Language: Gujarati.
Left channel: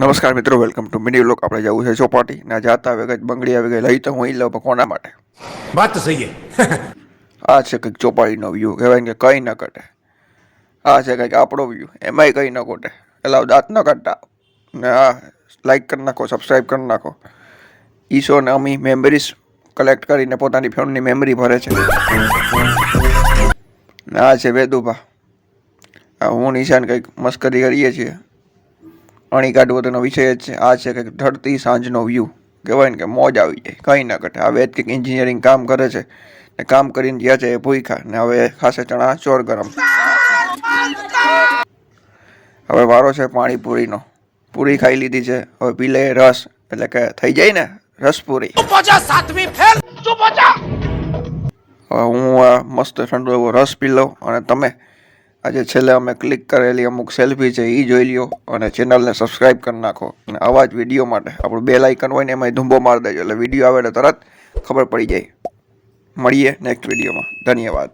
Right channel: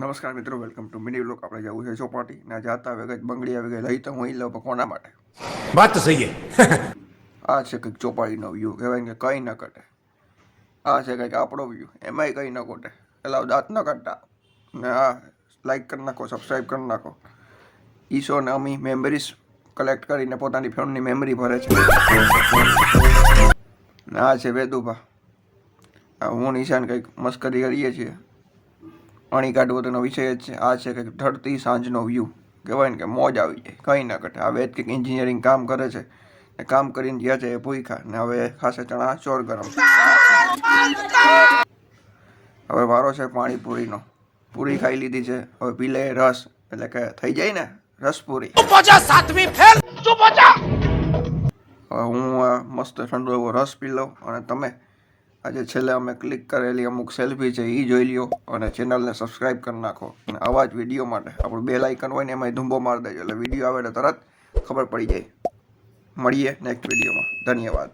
નમસ્કાર મિત્રો વેલકમ ટુ મિની વ્લોગ આપણે જવું છે ચોપાટી. ના જાતા આવે ગઈ બંગડી આવી ગઈ. લઈ તો હું લઉં કોના માટે? વાત સહી આ છે કંઈક ચોપાટીનો વ્યૂ કહેવાય કે કંઈ ન કટે આ છે કંઈક આપણો વ્યૂ એમાંય કંઈ ન કોટે એટલે દાંત ન કાઢતા. ને આ લાઈક કરી નાખો સબસ્ક્રાઈબ કરી નાખો. ઈશો ને અમી મેમરીઝ કલેક્ટ કરીને પોતાની ફોનની મેમરી ભરે છે. આ છે વેદુભા. હું નિશાન કંઈક મસ્કરી કરીએ છીએ. અણી કાઢવો તેનો વિષય છે. આ છે કે ઢળતી સાંજનો વ્યૂ કહેવાય ને કે મોજ આવી જાય. કંઈ ના ઘટે. હવે કંઈક એન્જિનિયરિંગ કામ કરે છે. ને કામ કરીને ગયા છે એ ભૂખા ને હવે ખાસે ચણા ચોર ગરમ હવે વારો છે પાણીપુરીનો. પૂરી ખાઈ લીધી છે. હવે પી લે રસ. એટલે કે થઈ જાય ને રસપુરી. હવે હું મસ્ત ઠંડો એવો રસ પી લઉં અને તમે આજે છેલ્લે અમે ક્લિક કરેલી અમુક સેલ્ફી છે એ જોઈ લ્યો અને ચેનલને સબસ્ક્રાઈબ કરી નાખો. અને આવા જ વીડિયો માટે આપણું બે લાઇકન હોય ને એમાં ધૂંબો મારી દેજો. એટલે વીડિયો આવે તરત ખબર પડી જાય. મળીએ નેક્સ્ટ વિડીયોમાં ધન્યવાદ.